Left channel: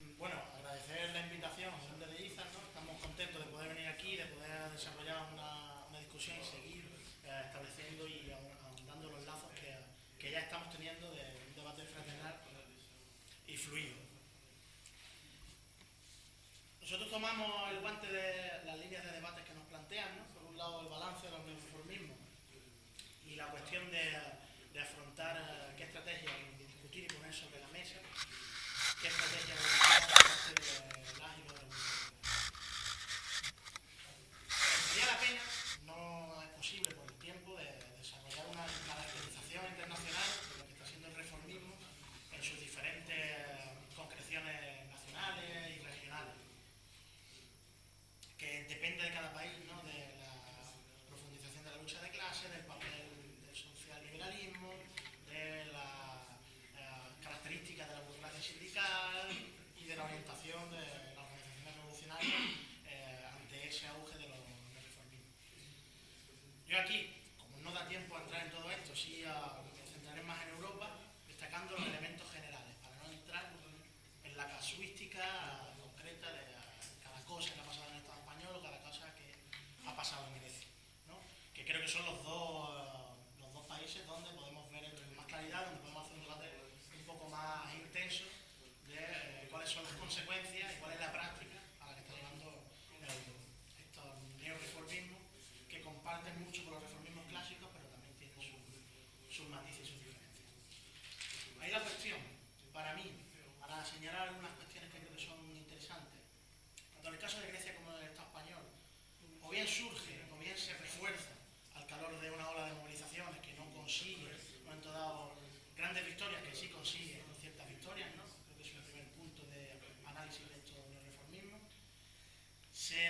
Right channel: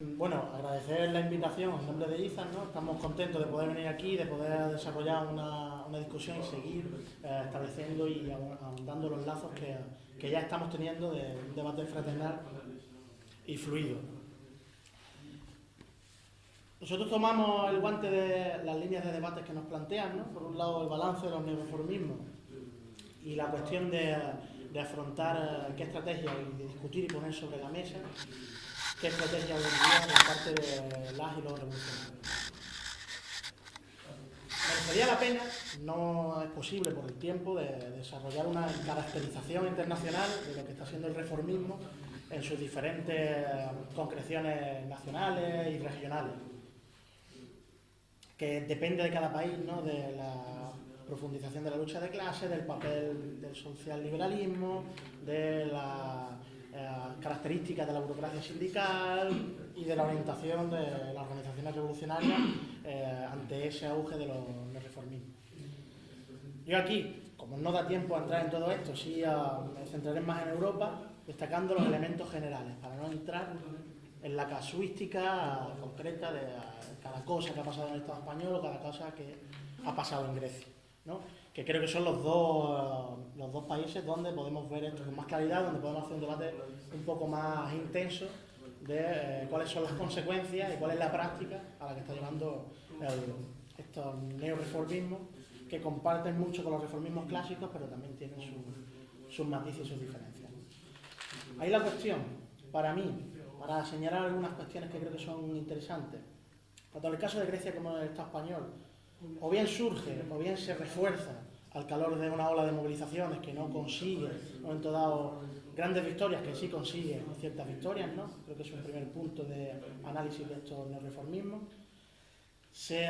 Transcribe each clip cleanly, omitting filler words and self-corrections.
Bueno, agradecer la invitación en nombre de IZAS, ¿no? Estamos contentos de poder venir aquí, de poder desarrollar una discusión y seguir estableciendo y ahondando los lazos que ya estamos teniendo de un debate fraternal y fluido. Nosotros tomamos el guante de las líneas de debate que nos plantean, ¿no? Por un lado, el balance de los neoreformismos y la cuestión de afrontar qué estrategia y de discutir y poner sobre la mesa qué estrategia vendría por parte de las y los revolucionarios. Merecería la pena, no es posible por el tiempo, de desarrollar una caracterización internacional de lo que está siendo el reformismo en sus diferentes concreciones nacionales y regionales, que depende de cada país, ¿no? De la profundización de la lucha de clases, del papel del socialliberalismo, de la características de la burocracia sindical y de la orientación de las organizaciones revolucionarias ante ese auge de los reformismos. Yo aquí, como no da tiempo a entrar en todo esto, sí me centraré más en Europa, destacando los elementos generales, para no entrar en la casuística concreta de cada cosa que ha pasado en el Estado español o cada cosa que ha pasado en Grecia, ¿no? Que creo que son los dos países donde podemos ver esto con más claridad, donde podemos hacer un debate un poco más intenso de cuáles son las consecuencias y cuál es la práctica a la que está llevando estos neoreformismos, que comparten mucho con los reformismos clásicos, pero también tienen sus matices y sus diferencias. Ahí la cuestión, para mí, para señalar algunas cuestiones que creo que son interesantes, tanto en el caso de Grecia como en el Estado español, o bien surge o bien se refuerza al calor de una ola de movilizaciones que no consigue, en un momento dado, grandes victorias, que sí consigue ciertas victorias, ¿no? Creo que es un primer punto de análisis de estos neoreformismos. Se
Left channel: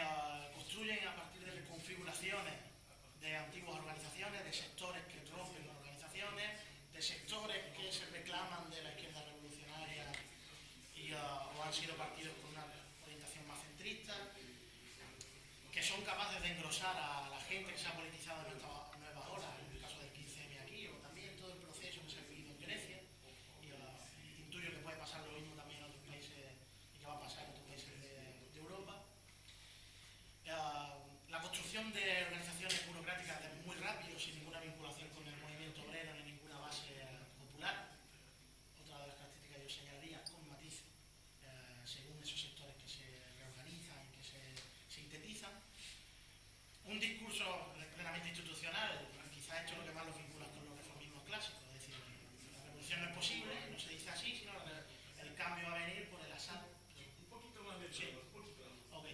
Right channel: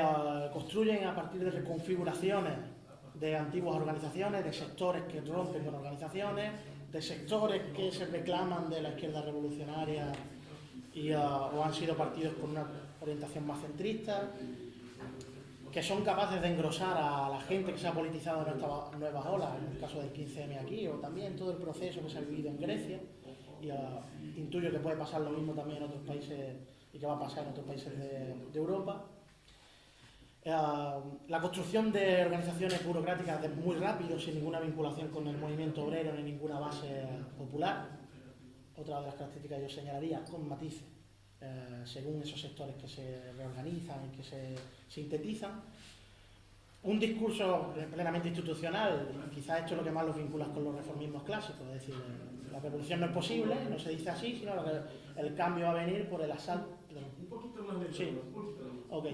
construyen a partir de reconfiguraciones de antiguas organizaciones, de sectores que rompen con organizaciones, de sectores que se reclaman de la izquierda revolucionaria o han sido partidos con una orientación más centrista, que son capaces de engrosar a la gente que se ha politizado en estas nuevas olas, en el caso del 15M aquí, o también todo el proceso que se ha vivido en Grecia, y intuyo que puede pasar lo mismo también en otros países y que va a pasar en otros países de Europa. La construcción de organizaciones burocráticas muy rápido, sin ninguna vinculación con el movimiento obrero ni ninguna base popular. Otra de las características yo señalaría, con matices, según esos sectores que se reorganizan y que se sintetizan. Un discurso plenamente institucional, quizás esto es lo que más los vincula con los reformismos clásicos, es decir, la revolución no es posible, no se dice así, sino que el cambio va a venir por el asalto. Un poquito más lento. Sí. Ok.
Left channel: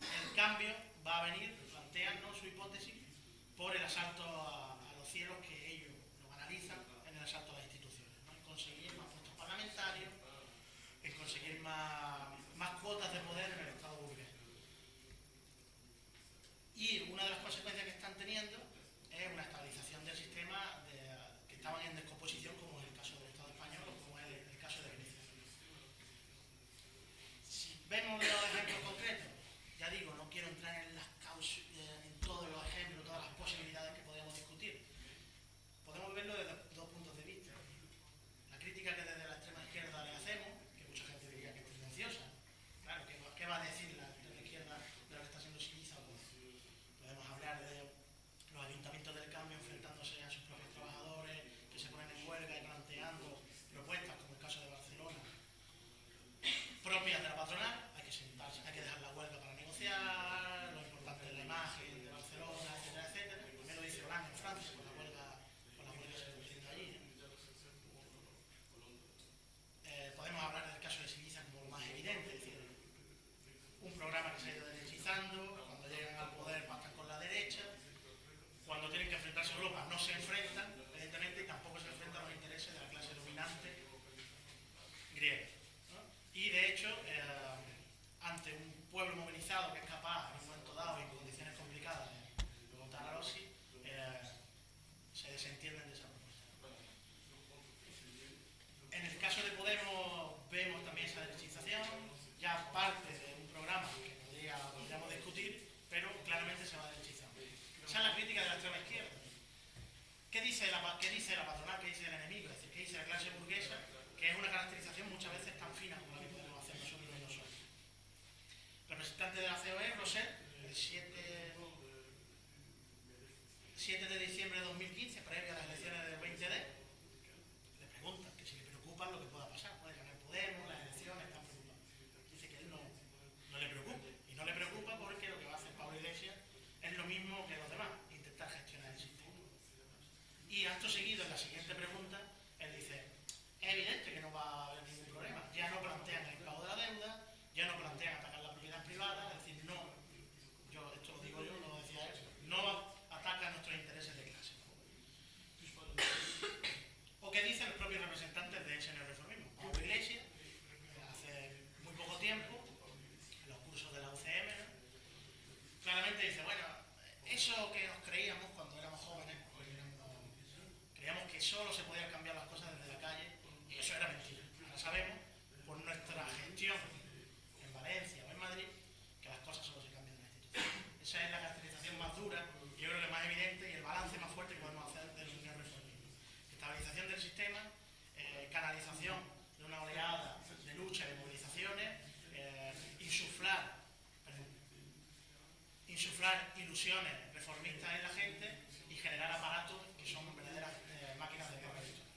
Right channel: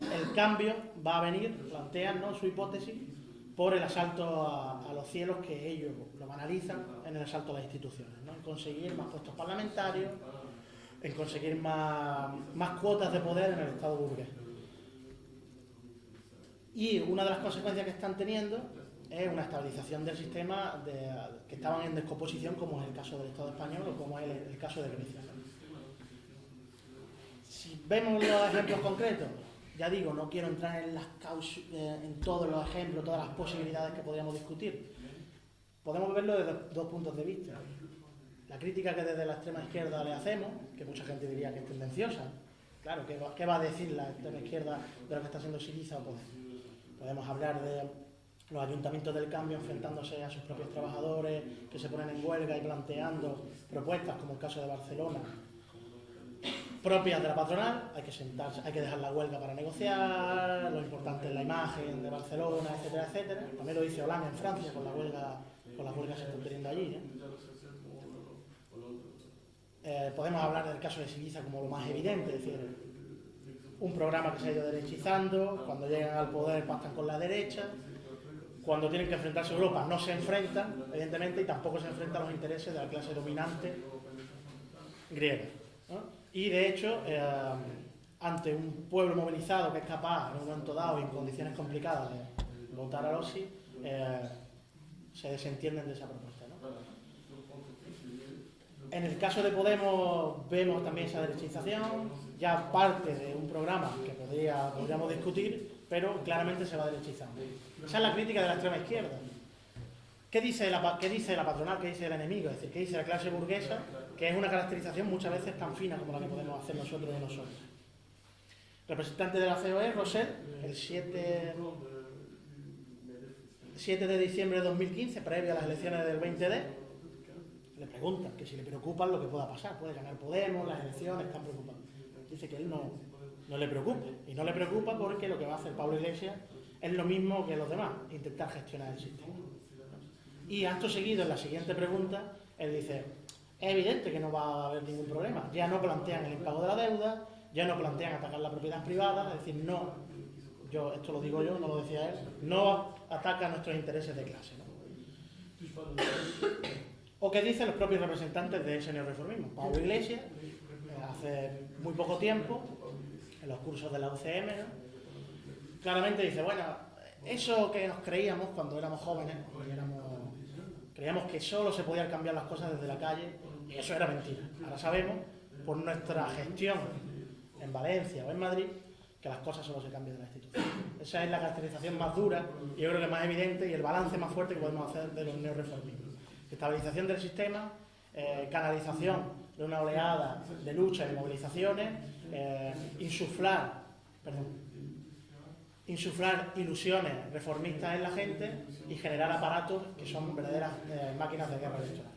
El cambio va a venir, plantean, ¿no?, su hipótesis, por el asalto a los cielos, que ellos lo analizan en el asalto a las instituciones, ¿no? En conseguir más puestos parlamentarios, en conseguir más cuotas de poder en el Estado burgués. Y una de las consecuencias que están teniendo es una estabilización del sistema que estaban en descomposición, como es el caso del Estado español o como es el caso de Grecia. Si vemos los ejemplos concretos, ya digo, no quiero entrar en todos los ejemplos, todas las posibilidades que podríamos discutir. Podemos verlo desde dos puntos de vista. La crítica que desde la extrema izquierda le hacemos, que mucha gente diría que es tendenciosa. Claro, ¿qué va a decir la extrema izquierda de lo que está haciendo Syriza o Podemos? Podemos hablar de los ayuntamientos del cambio enfrentándose a sus propios trabajadores, que se ponen en huelga y planteando propuestas, como el caso de Barcelona, propias de la patronal. Hay que sentarse, hay que dejar la huelga para negociar, lo importante es la imagen de Barcelona, etcétera, etcétera. También lo dice Hollande en Francia con las huelgas que están teniendo allí, ¿eh? Podemos hablar del caso de Syriza como lo más evidente, es decir, un programa que se ha ido derechizando, cuando llegan al poder pactan con la derecha, cuando tienen que enfrentarse a Europa no se enfrentan, evidentemente, y tampoco se enfrentan a los intereses de la clase dominante griega, ¿no? Y de hecho, ante un pueblo movilizado que es capaz en un momento dado y en condiciones complicadas de votar a los sí, se desentienden de esa propuesta, ¿no? En el caso de Podemos vemos también esa derechización, ya parte de un programa que podríamos discutir, pero claramente se va derechizando. Esa es la crítica de la extrema izquierda. ¿Qué dice la patronal? ¿Qué dice el enemigo? Es decir, ¿qué dice la clase burguesa? que es una caracterización muchas veces tan fina como la que podemos hacer nosotros y nosotros. Representante de la COE, Rosell, el 7 de diciembre de 2015, previo a las elecciones del 20D, le preguntan que si le preocupa lo que pueda pasar, puede ganar Podemos, las elecciones, están preocupados. Dice que él no le preocupa, y no le preocupa porque lo que va a hacer Pablo Iglesias es lo mismo que los demás, intentar gestionar el sistema. Y acto seguido, en la siguiente pregunta, él dice, es evidente que no va a haber ningún problema, ya no plantean el impago de la deuda, ya no plantean atacar la propiedad privada, es decir, no, esto lo digo yo, no lo decía él, no ataca nuestros intereses de clase, ¿no? O que dicen los propios representantes de ese neorreformismo. Pablo Iglesias, hace muy poco tiempo, en los cursos de la UCM, ¿no?, claramente dice, bueno, eso que nos creíamos cuando éramos jóvenes, creíamos que solo se podían cambiar las cosas desde la calle, y eso era mentira. Ahora sabemos, por nuestra gestión en Valencia o en Madrid, que las cosas solo se cambian de la institución. Esa es la caracterización más dura, y yo creo que más evidente, y el balance más fuerte que podemos hacer de los neorreformismos. Estabilización del sistema, canalización de una oleada de lucha y movilizaciones, insuflar ilusiones reformistas en la gente y generar aparatos que son verdaderas máquinas de guerra electoral.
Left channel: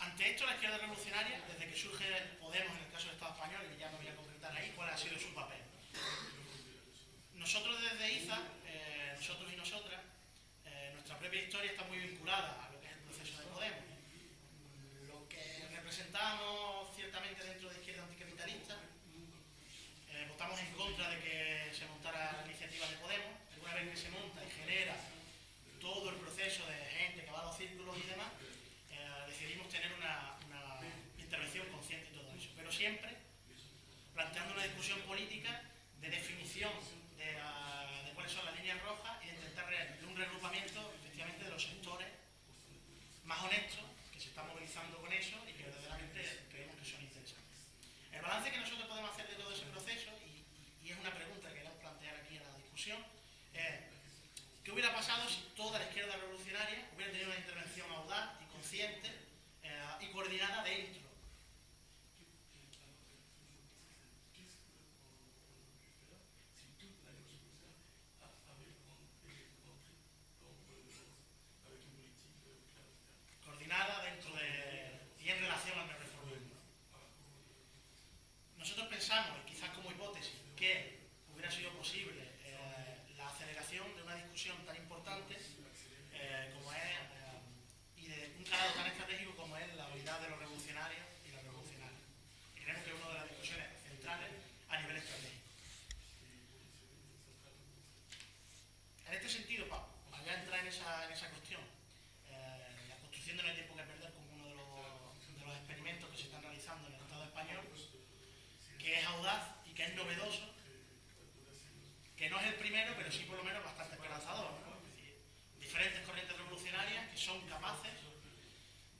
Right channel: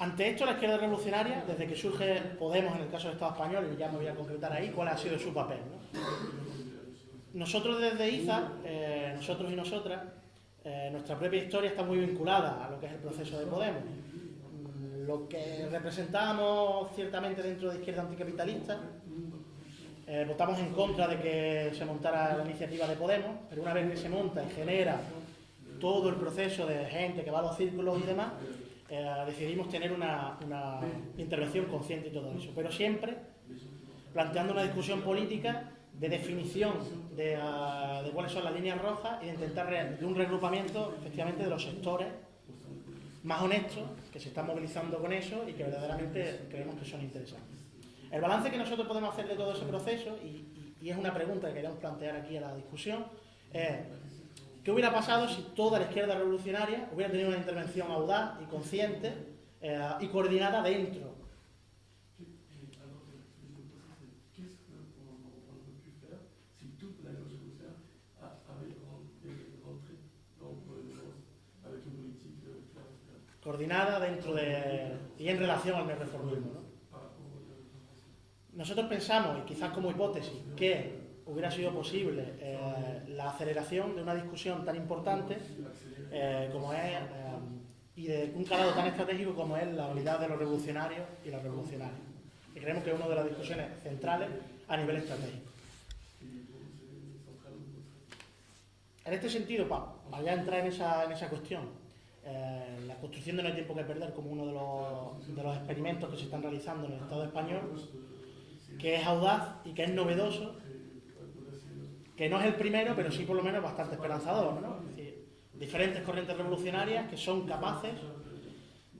Ante esto, la izquierda revolucionaria, desde que surge Podemos en el caso del Estado español, y ya me voy a concretar ahí, ¿cuál ha sido su papel?, ¿no? Nosotros desde IZA, nosotros y nosotras, nuestra propia historia está muy vinculada a lo que es el proceso de Podemos. Lo que representamos ciertamente dentro de izquierda anticapitalista, votamos en contra de que se montara la iniciativa de Podemos, pero una vez que se monta y genera todo el proceso de gente que va a los círculos y demás, decidimos tener una intervención consciente y todo eso, pero siempre planteando una discusión política de definición de cuáles son las líneas rojas y de intentar de un regrupamiento efectivamente de los sectores más honestos que se están movilizando con eso y que verdaderamente creemos que son interesantes. El balance que nosotros podemos hacer de todo ese proceso, y es una pregunta que queremos plantear aquí a la discusión, es ¿qué hubiera pasado si toda la izquierda revolucionaria hubiera tenido una intervención audaz y consciente y coordinada dentro? Coordinada dentro de y en relación al neorreformismo, ¿no? Nosotros pensamos, y quizás como hipótesis, que hubiera sido posible la aceleración de una discusión tan importante como es, y de un calado tan estratégico como es la unidad de los revolucionarios y los revolucionarios. Y creemos que es una de las discusiones centrales a nivel estratégico. En este sentido, para ya entrar en esa cuestión, la construcción de No hay tiempo que perder como uno de los experimentos que se están realizando en el Estado español, que es audaz y que es novedoso, que no es el primero, pero sí por lo menos bastante esperanzador, ¿no? Es decir, diferentes corrientes revolucionarias que son capaces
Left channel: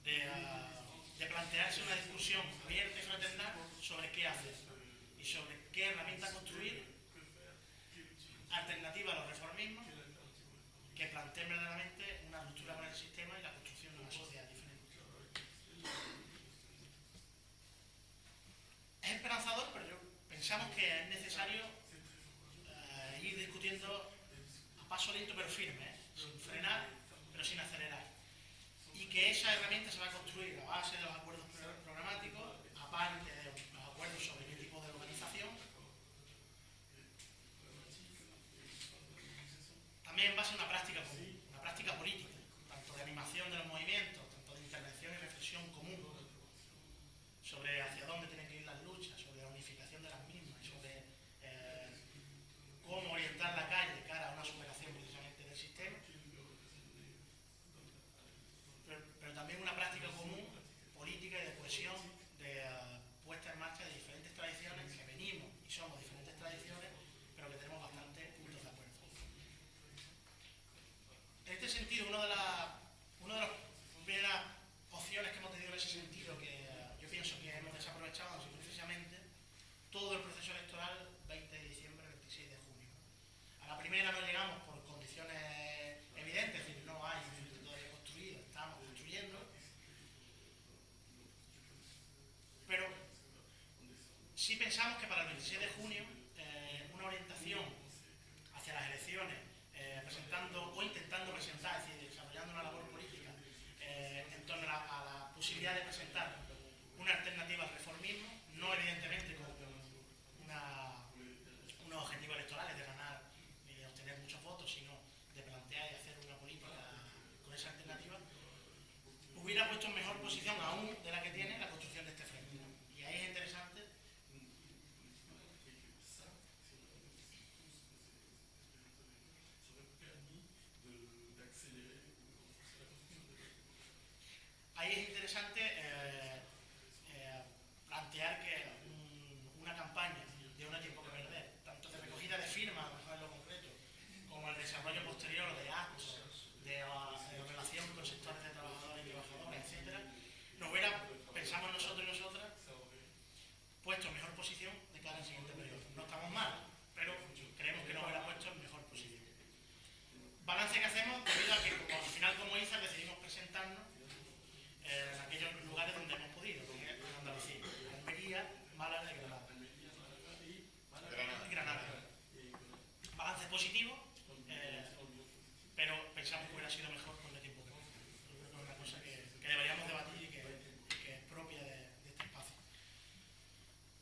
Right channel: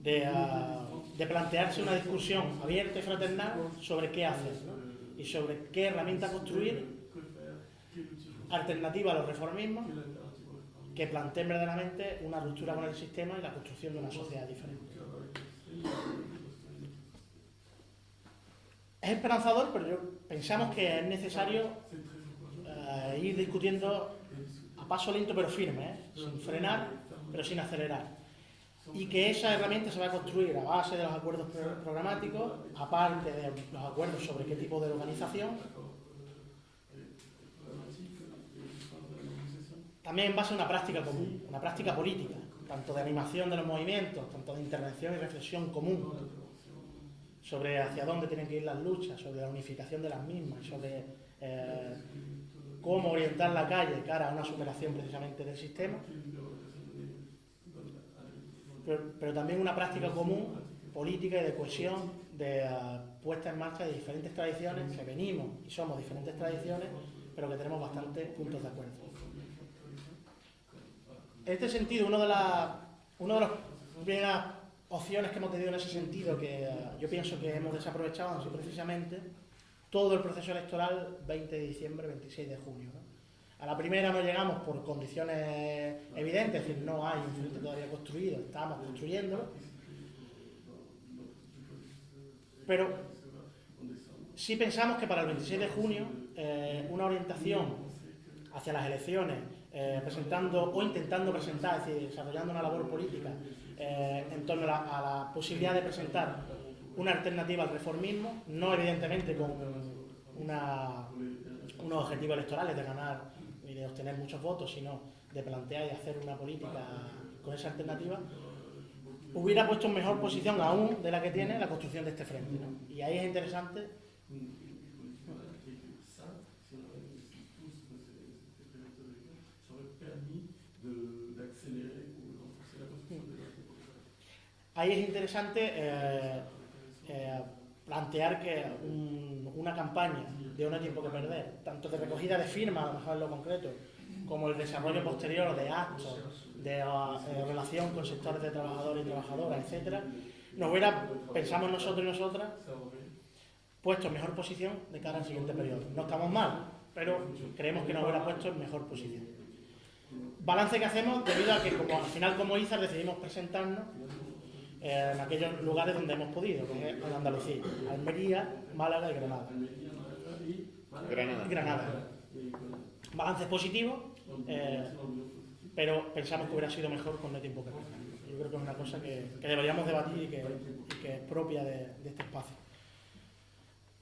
de plantearse una discusión abierta y fraternal sobre qué hacer, ¿no?, y sobre qué herramienta construir alternativa a los reformismos que planteen verdaderamente una ruptura con el sistema y la construcción de una sociedad diferente. Es esperanzador, pero pensamos que es necesario ir discutiendo a paso lento pero firme, sin frenar pero sin acelerar. Y que esa herramienta se va a construir a base de los acuerdos programáticos, aparte de los acuerdos sobre qué tipo de organización, también en base a una práctica común, una práctica política, tanto de animación de los movimientos, tanto de intervención y reflexión común sobre hacia dónde tienen que ir las luchas, sobre la unificación de las mismas, sobre cómo orientar la calle cara a una superación precisamente del sistema, pero también una práctica común, política y de cohesión, de puesta en marcha de diferentes tradiciones, que venimos y somos diferentes tradiciones, pero que tenemos bastantes puntos de acuerdo. En este sentido, una de las primeras opciones que hemos tenido en ese sentido, que yo pienso que hemos desaprovechado, han sido precisamente todo el proceso electoral 20 de diciembre, 26 de junio, ¿no? A la primera no llegamos por condiciones evidentes, es decir, no hay un frente todavía construido, estamos construyéndolo, Pero sí pensamos que para el 26 de junio una orientación hacia las elecciones, presentando o intentando presentar, es decir, desarrollando una labor política en torno a la posibilidad de presentar una alternativa al reformismo, no evidentemente con unos objetivos electorales de ganar y de obtener muchos votos, sino de plantear y hacer una política con esa alternativa, hubiera puesto en mejor posición aún de la que tiene la construcción de este frente, ¿no? Y ahí es interesante. Ahí es interesante plantear que una campaña de No hay tiempo que perder, tanto de recogida de firmas, a lo mejor en lo concreto, como el desarrollo posterior de actos, de relación con sectores de trabajadores y trabajadoras, etcétera, nos hubiera, pensamos nosotros y nosotras, puesto en mejor posición de cara al siguiente periodo. No estamos mal, pero creemos que nos hubiera puesto en mejor posición. Balance que hacemos debido a que al final como IZAR decidimos presentarnos en aquellos lugares donde hemos podido, que es en Andalucía, Almería, Málaga y Granada. Balances positivos, pero pensamos que hubiera sido mejor con No hay tiempo que perder. Yo creo que es una cosa que deberíamos debatir y que es propia de este espacio.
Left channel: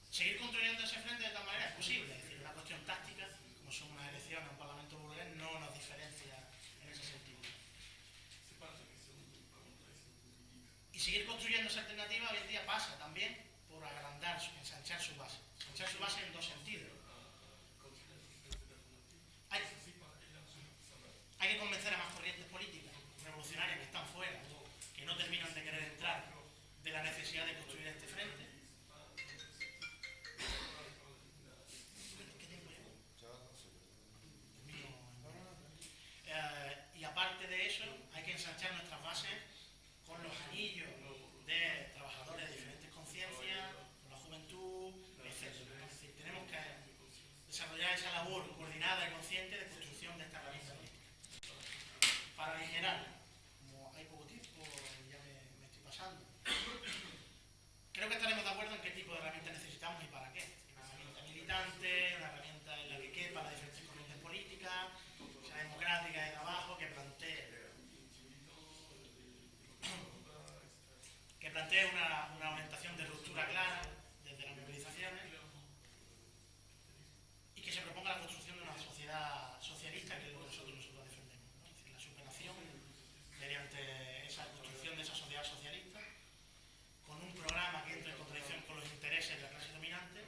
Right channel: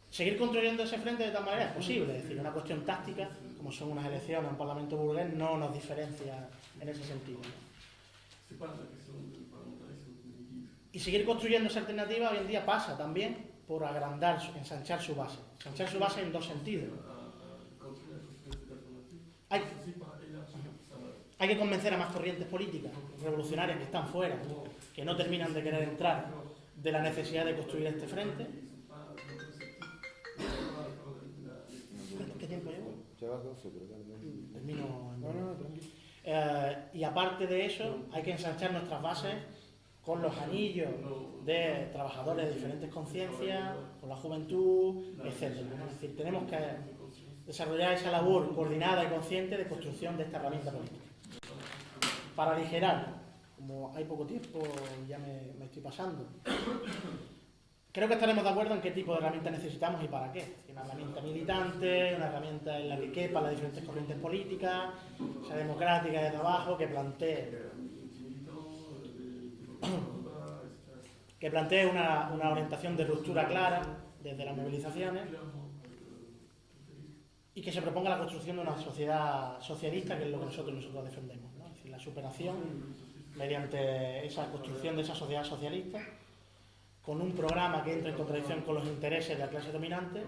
Seguir construyendo ese frente de tal manera es posible, es decir, una cuestión táctica, como son unas elecciones, un parlamento burgués, no nos diferencia en ese sentido. Y seguir construyendo esa alternativa hoy en día pasa también por agrandar, ensanchar su base. Ensanchar su base en dos sentidos. Hay que convencer a más corrientes políticas revolucionarias que están fuera, que no terminan de querer entrar, de la necesidad de construir este frente. ¿Qué tiempo llevo? Termino en y aparte de eso, hay que ensanchar nuestras bases con los anillos de trabajadores de diferentes conciencias, con la juventud, etc. Es decir, tenemos que desarrollar esa labor coordinada y consciente de construcción de esta herramienta política. Para aligerar, como hay poco tiempo, ya me estoy pasando, creo que estaremos de acuerdo en qué tipo de herramienta necesitamos y para qué. Una herramienta militante, una herramienta en la que quepan las diferentes corrientes políticas, sea democrática desde abajo, que plantee una orientación de ruptura clara desde las movilizaciones y que se proponga la construcción de una sociedad socialista, que es lo que nosotros defendemos, ¿no? Es decir, la superación mediante esa construcción de esa sociedad socialista con un programa que entre en contradicción con los intereses de la clase dominante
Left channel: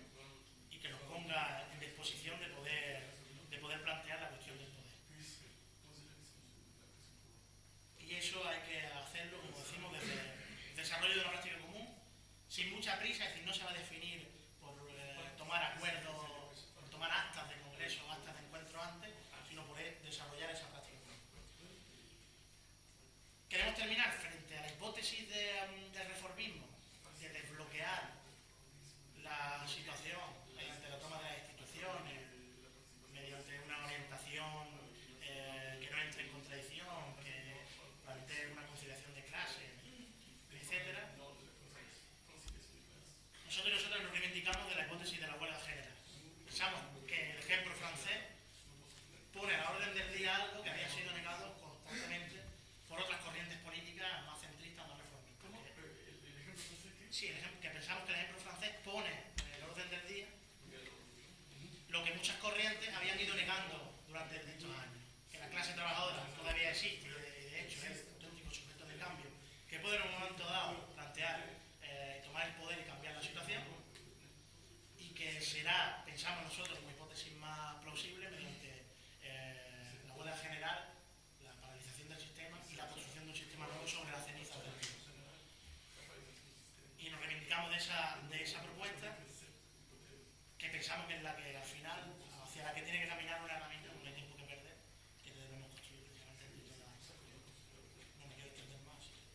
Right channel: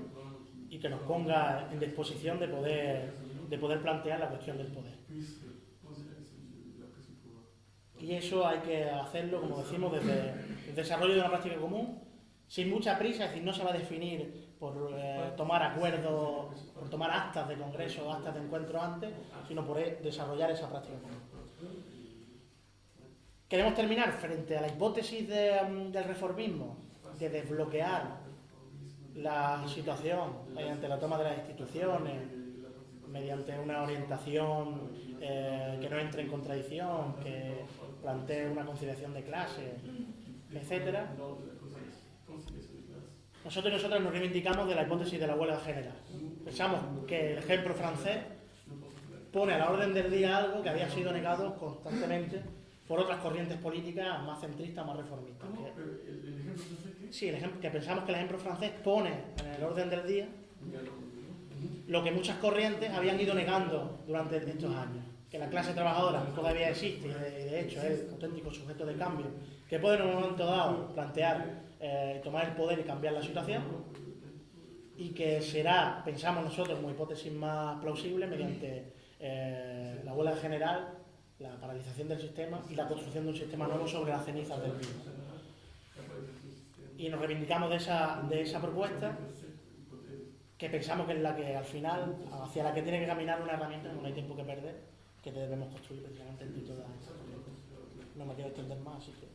y que nos ponga en disposición de poder plantear la cuestión del poder. Y eso hay que hacerlo, como decimos, desde el desarrollo de una práctica común, sin mucha prisa, es decir, no se va a definir por tomar acuerdos, por tomar actas de congreso o actas de encuentro antes, sino por desarrollar esa práctica común. Queremos terminar frente a la hipótesis del reformismo, de desbloquear la situación mediante la toma de las instituciones, mediante una orientación que no entre en contradicción, que plantee una conciliación de clases, etc. Nosotros y nosotras nos reivindicamos de la hipótesis de la huelga general. Pensamos que el ejemplo francés pone a la orden del día algo que había sido negado constantemente por otras corrientes políticas más centristas, más reformistas. Sí, que pensamos que el ejemplo francés pone en el orden del día lo que muchas corrientes habían ido negando durante estos años. Que la clase trabajadora todavía existe y de hecho es el auténtico sujeto de cambio que puede en un momento dado plantear, tomar el poder y cambiar la situación, y que será, pensamos nosotros como hipótesis más plausible, mediante la huelga general, la paralización del sistema y la construcción de un sistema nuevo sobre las cenizas del mismo. Y nos reivindicamos de esa propuesta, que pensamos que es la que al final, hacia la que tiene que caminar una herramienta, no hay tiempo que perder, que debemos construir precisamente en toda. No me quiero extender más, así que...